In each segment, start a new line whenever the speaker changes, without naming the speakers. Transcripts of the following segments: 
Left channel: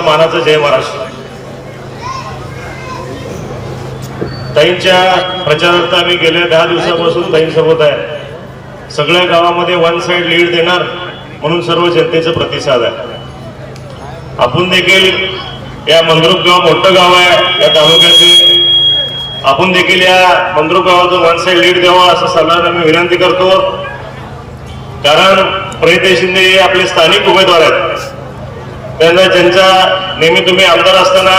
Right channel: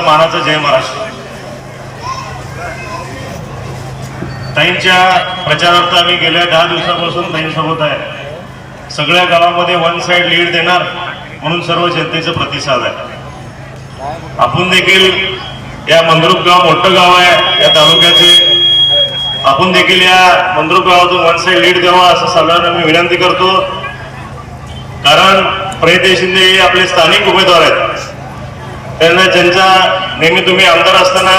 माझं मानाचं जय महाराष्ट्र. ताईंच्या प्रचारार्थ आम्ही गेल्या दहा दिवसापासून ताईंसोबत आहे. सगळ्या गावामध्ये वन साइड लीड देणार म्हणून सर्व जनतेचं प्रतिसाद आहे. आपण देखील या मंद्रुप गाव मोठं गाव आहे या तालुक्याचे. आपण देखील या मंद्रुप गावातून वन साइड लीड द्यावा असं सगळ्यांना मी विनंती करतो. कारण प्रणिती शिंदे हे आपले स्थानिक उमेदवार आहेत. त्यांना ज्यांचा नेहमी तुम्ही आमदार असताना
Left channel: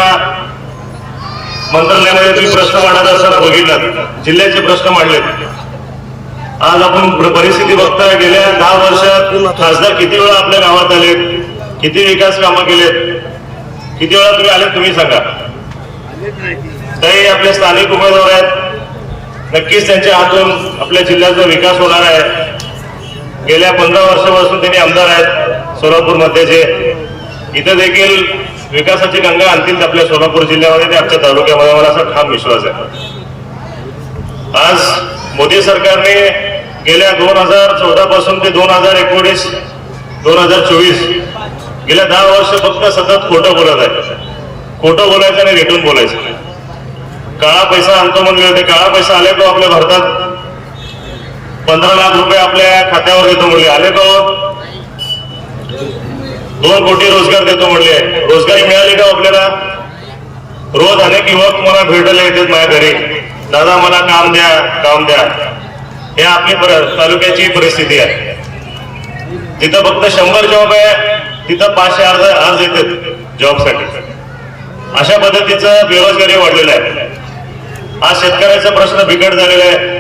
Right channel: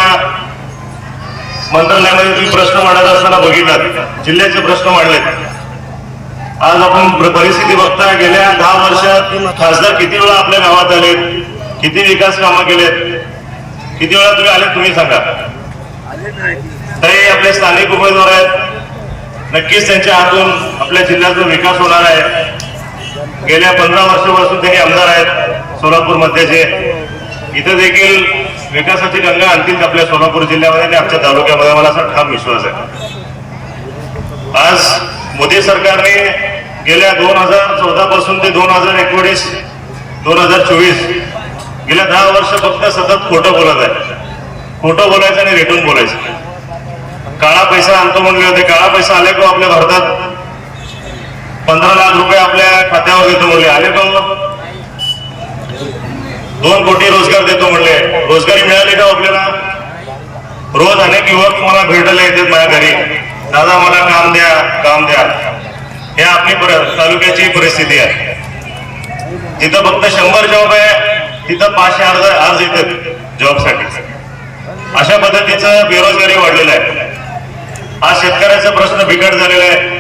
मंत्रालयाने तुम्ही प्रश्न मांडत असताना बघितला जिल्ह्याचे प्रश्न मांडले. आज आपण परिस्थिती बघताय गेल्या दहा वर्षात खासदार किती वेळा आपल्या गावात आलेत? किती विकास कामं केलेत? किती वेळा तुम्ही आले तुम्ही सांगा. ते आपले स्थानिक उमेदवार आहेत. नक्कीच त्यांच्या हातून आपल्या जिल्ह्याचा विकास होणार आहे. गेल्या पंधरा वर्षापासून त्यांनी आमदार आहेत सोलापूर मध्येचे इथं देखील विकासाची गंगा आणतील आपल्या सोलापूर जिल्ह्यामध्ये आणि आमच्या तालुक्यामध्ये मला असा ठाम विश्वास आहे. आज मोदी सरकारने गेल्या दोन हजार चौदा पासून ते दोन हजार एकोणीस दोन हजार चोवीस गेल्या दहा वर्ष फक्त सतत खोटं बोलत आहे. खोटं बोलायचं आणि रेटून बोलायचं. काळा पैसा आणतो म्हणले होते काळा पैसा आले तो आपल्या भारतात? पंधरा लाख रुपये आपल्या खात्यावर येतो म्हणले. आले तो दोन कोटी रोजगार देतो म्हणले रोजगारी मिळाली का आपल्याला? रोज अनेक युवक मला भेटायला येतात माझ्या घरी. दादा मला काम द्या काम द्या. हे आपली पर- तालुक्याची परिस्थिती आहे. जिथं फक्त शंभर जॉब आहे तिथं पाचशे अर्ज अर्ज येतात जॉबसाठी अशा पद्धतीचं बेरोजगारी वाढलेलं आहे. आज शेतकऱ्याचा प्रश्न बिकट झालेला आहे.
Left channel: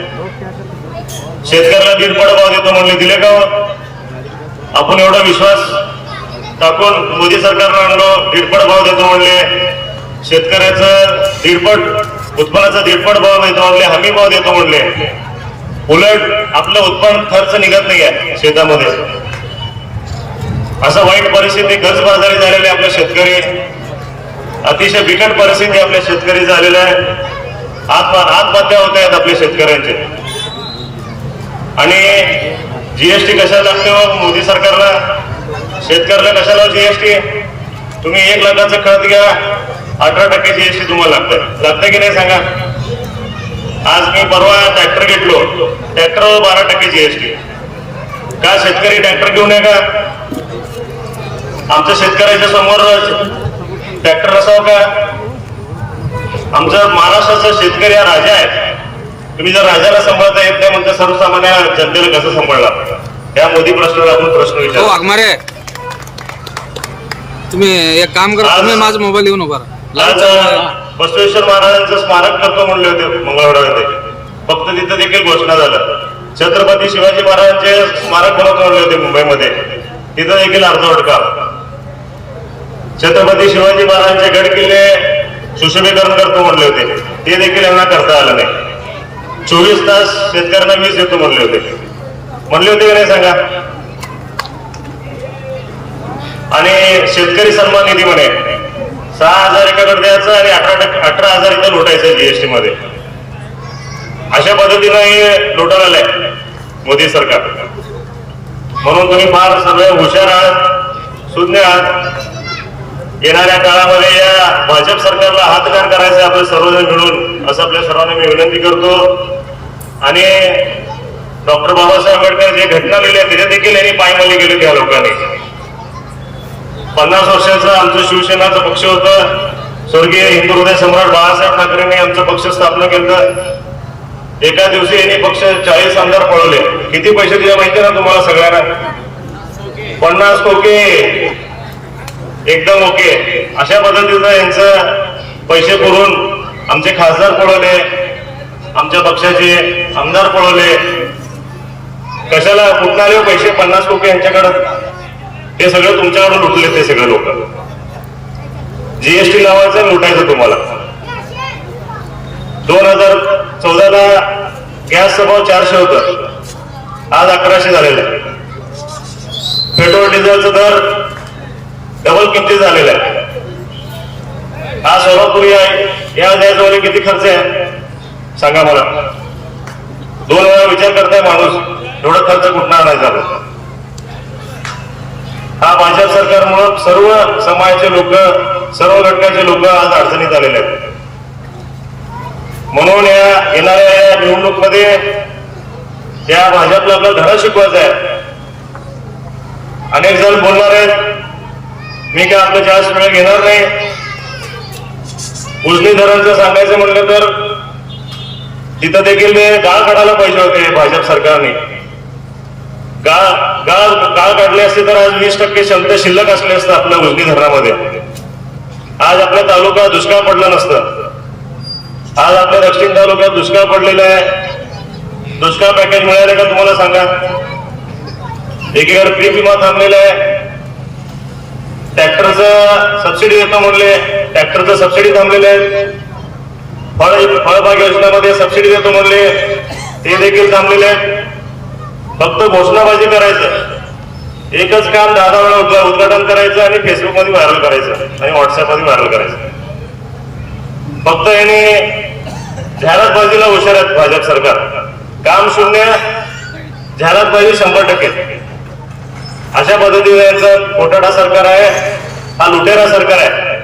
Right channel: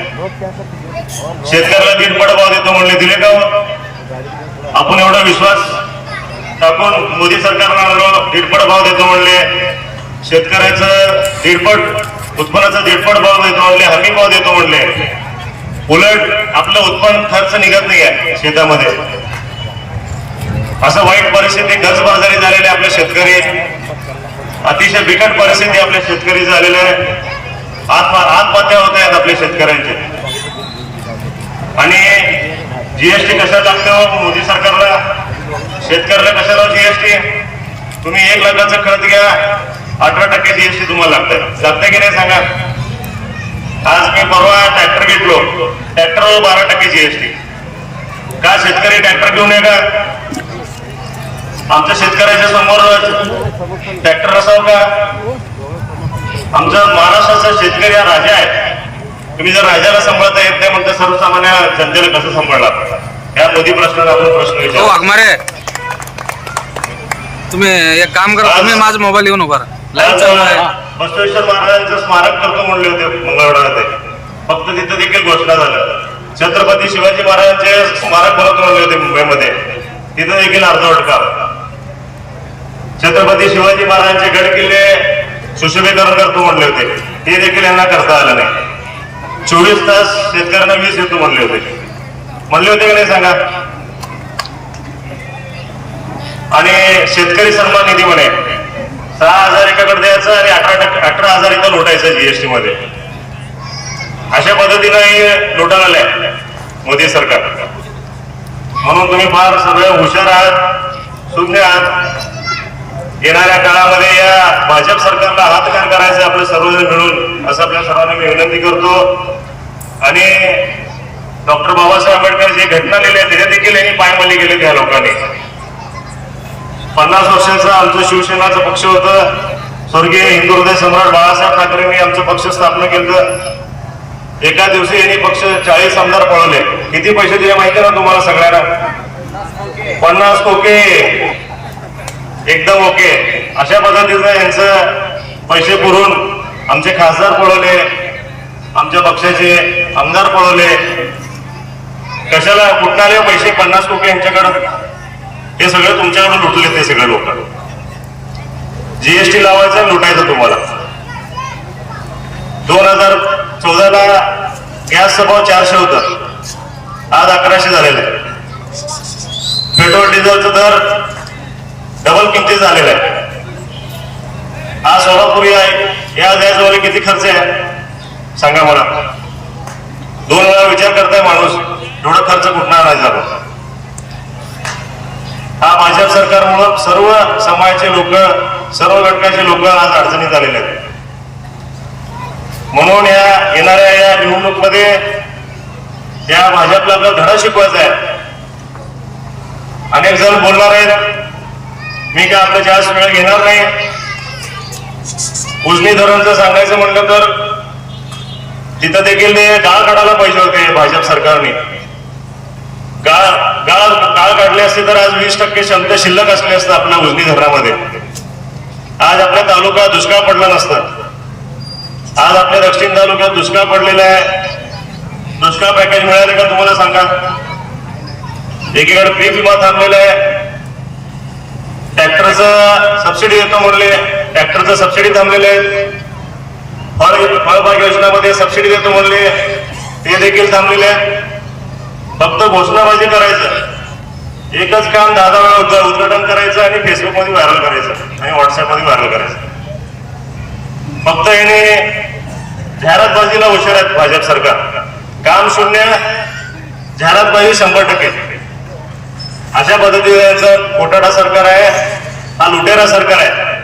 शेतकऱ्याला दीडपड भाव देतो म्हणले. दिले का हो? आपण एवढा विश्वास टाकून मोदी सरकारनं आणलं दीडपट भाव देतो म्हणले. शेतकऱ्याचं दीडपट उत्पन्नाचा दीडपट भाव मिळतो म्हणले हमी भाव देतो म्हणले. उलट आपलं उत्पन्न खर्च निघत नाही शेतामध्ये. असं वाईट परिस्थिती कर्जबाजारी झालेली आहे आपले शेतकरी. अतिशय बिकट परिस्थिती आपल्या शेतकरी झालेला. आहे आत्मा आत्महत्या होत आहेत आपल्या शेतकऱ्यांचे. आणि जीएसटी कशा लागतो हो? मोदी सरकारला? शेतकऱ्याला कशाला जीएसटी तुम्ही एक लाखाचं खत घ्या अठरा टक्के जीएसटी तुम्हाला लागतं. लागतं की नाही सांगा? आज मी परवा ट्रॅक्टर घेतलो. ट्रॅक्टरवर बारा टक्के जीएसटी का शेतकरी ट्रॅक्टर घेऊन ये का आमच्या शेतकऱ्याच्या समोर ट्रॅक्टर असावं का? आमचा महाराष्ट्राचा शेतकरी हा राजा आहे. तुम्ही जर राजाला सांभाळता येत नाही म्हणता सर्वसामान्य जनतेला कसं सांभाळणार? या मोदी प्रश्नाला आपण प्रश्न
हो
विचार.
वाघमारे. तुम्ही एक काम करा तुम्ही माझा मोबाईल येऊन उभा राहा.
बसवेश्वर महाराजांचं स्मारक करतो म्हणले होते मंगळवारमध्ये. फक्त तिथं देखील घोषणा झालं छत्रपती शिवाजी महाराजांचे स्मारक बनवतो म्हणले होते मुंबईमध्ये. तिथं देखील अर्धवट काम छत्रपती शिवाजी महाराजांचे गड किल्ले सुशोभीकरण करतो म्हणले होते. ते देखील यांना करता आलं नाही. चोवीस तास शेतकऱ्यांना वीज देतो म्हणले होते. म्हणले होते का नाही सांगा? आणि शेतकरी सन्मान निधी म्हणे सहा हजार एकाकडे द्यायचं आणि अठरा अठरा हजार इथं लुटायचं जीएसटी मध्ये. अशा पद्धतीने हे लुटायला आलंय मोदी सरकार. म्हणून तुम्ही फार सगळे हुशार आहात शून्य आहात. येणाऱ्या काळामध्ये या भाजप सरकारला हातकार करायचे आपण सर्वजण मिळून असं आपल्या सर्वांना मी विनंती करतो. आणि डॉक्टर बाबासाहेब आंबेडकर जे घटना लिहिल्या त्याच्या देखील यांनी पायमल्ली गेले त्या लोकांनी. पन्नास वर्षांचा आमचं शिवसेनाचं पक्ष होतं. स्वर्गीय हिंदू हृदय सम्राट बाळासाहेब ठाकरेंनी आमचं पक्ष स्थापना केलं. एका दिवशी यांनी पक्ष चाळीस आमदार पळवले. किती पैसे दिले माहिती ना तुम्हाला सगळ्यांना? पन्नास ओके एकदम ओके. अशा पद्धतीनं यांचं पैसे पुरून आमचे खासदार पळवले. आमच्या पक्षाचे आमदार पळवले. कशाला कुठणारे पैसे पन्नास लोक यांच्याकडे? हे सगळं तुमच्याकडे लुटले ते सगळे लोक. जीएसटी लावायचं लुटायचं तुम्हाला. दोन हजार चौदाला गॅसचा भाव चारशे होता आज अकराशे झालेला आहे. पेट्रोल डिझेलचा दर डबल किमती झालेला आहे. हा सोलापुरी आहे या गॅसवर किती खर्च आहे? सांगा मला. दोन वेळा विचार करताय माणूस. एवढा खर्च कुठं आणायचा आपण हा भाजप सरकारमुळं सर्व समाजाचे लोक सर्व घटकाचे लोक आज अडचणीत आलेले आहेत. म्हणून या येणाऱ्या या निवडणूकमध्ये या भाजपला आपला धडा शिकवायचा आहे. अनेक जण बोलणार आहेत मी काय आपलं जास्त वेळ घेणार नाही? उजनी धरणचं सांगायचं म्हणलं तर तिथं देखील ते गाळ काढायला पाहिजे होते भाजप सरकारने. गाळ गाळ गाळ काढले असते तर आज वीस टक्के शब्द शिल्लक असले असतं आपल्या उजनी धरणामध्ये. आज आपला तालुका दुष्काळ पडला नसतं. आज आपल्या दक्षिण तालुक्यात दुष्काळ पडलेला आहे. दुष्काळ पॅकेज मिळाले का तुम्हाला सांगा? एकीकडे पीक विमा थांबलेला आहे. ट्रॅक्टरचं सबसिडी येतो म्हणले. ट्रॅक्टरचं सबसिडी थांबलेलं आहे. फळ फळबाग योजनामध्ये सबसिडी देतो म्हणले. ते देखील थांबलेले फक्त घोषणाबाजी करायचं. एकच काम दहा दहा वेळा उद्घाटन करायचं आणि फेसबुकमध्ये व्हायरल करायचं. आणि व्हॉट्सअपमध्ये व्हायरल करायचं. फक्त याने जाहिरातबाजीला हुशार आहेत भाजप सरकार. काम शून्य जाहिरातबाजी शंभर टक्के. अशा पद्धतीचं खोटाडा सरकार आहे. हा लुटेरा सरकार आहे.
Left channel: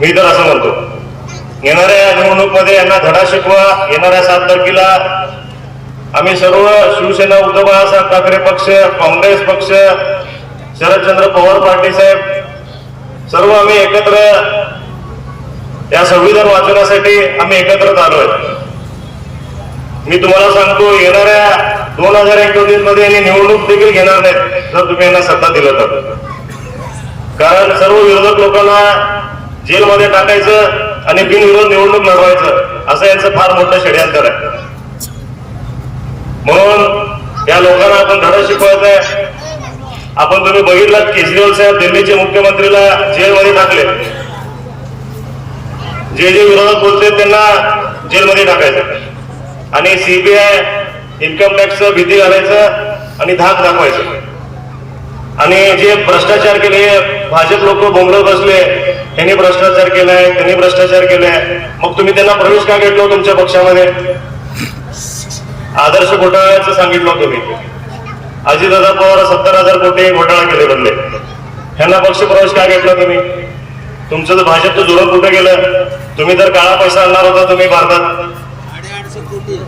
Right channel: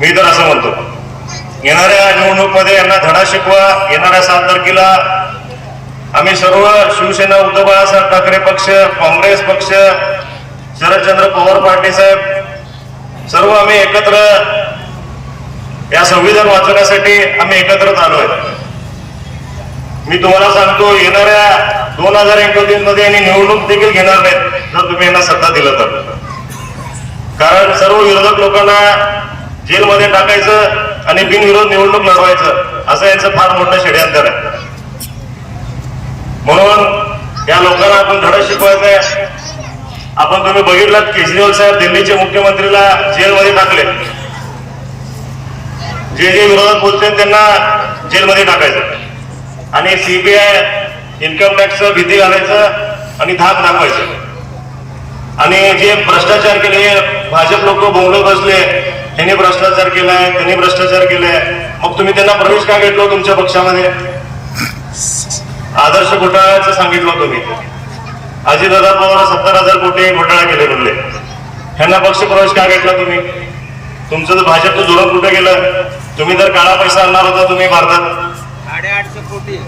मी तर असं म्हणतो. येणाऱ्या निवडणूकमध्ये यांना धडा शिकवा येणाऱ्या सात तारखेला आम्ही सर्व शिवसेना उद्धव बाळासाहेब ठाकरे पक्ष काँग्रेस पक्ष शरदचंद्र पवार पार्टी साहेब सर्व आम्ही एकत्र या संविधान वाचवण्यासाठी आम्ही एकत्रच आलो मी तुम्हाला सांगतो येणाऱ्या दोन हजार एकोणीसमध्ये यांनी निवडणूक देखील घेणार नाहीत जर तुम्ही यांना सत्ता दिलं तर. कारण सर्व विरोधक लोकांना जेलमध्ये टाकायचं आणि बिनविरोध निवडणूक लढवायचं असं याचं फार मोठं षडयंत्र आहे. म्हणून या लोकांना आपण धडा शिकवायचंय आपण तुम्ही बघितलं केजरीवाल साहेब दिल्लीचे मुख्यमंत्रीला जेलमध्ये टाकले. जे जे विरोधात बोलते त्यांना जेलमध्ये टाकायचं. आणि सीबीआय इन्कम टॅक्स भीती घालायचं आणि धाक दाखवायचं. आणि जे भ्रष्टाचार केले भाजप लोक बोंबडत बसले. यांनी भ्रष्टाचार केलाय त्यांनी भ्रष्टाचार केलाय. मग तुम्ही त्यांना प्रवेश का घेतलो तुमच्या पक्षामध्ये? आदर्श घोटाळ्याचं सांगितलं तुम्ही. अजितदादा पवार सत्तर हजार कोटी घोटाळा केले बनले ह्यांना पक्ष प्रवेश का घेतला तुम्ही? तुमचं तर भाजपचं धोरण कुठं गेलं. तुम्ही तर काळा पैसा आणणार होता तुम्ही भारतात.
साडेआठशे कोटी.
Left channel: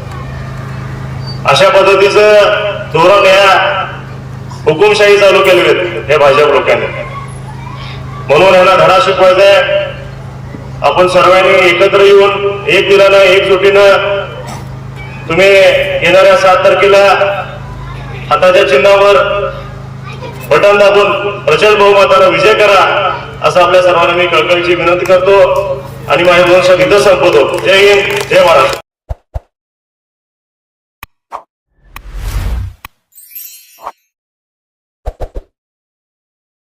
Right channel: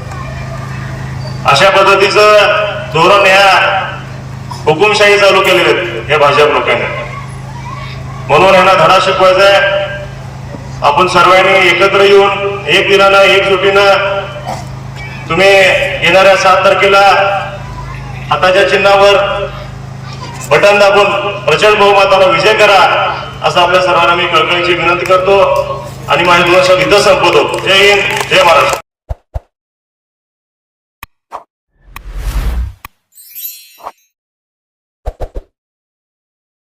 अशा पद्धतीचं धोरण या हुकुमशाही चालू केलेले आहेत हे भाजप लोकांनी. म्हणून यांना धडा शिकवायचा. आहे आपण सर्वांनी एकत्र येऊन एक दिलानं एक जुटीनं तुम्ही येणाऱ्या सात तारखेला हाताच्या चिन्हावर बटन दाबून प्रचंड बहुमताला विजय करा असं आपल्या सर्वांना मी कळकळीची विनंती करतो. आणि माझ्या दोन शब्द संपवतो. जय हिंद जय महाराष्ट्र.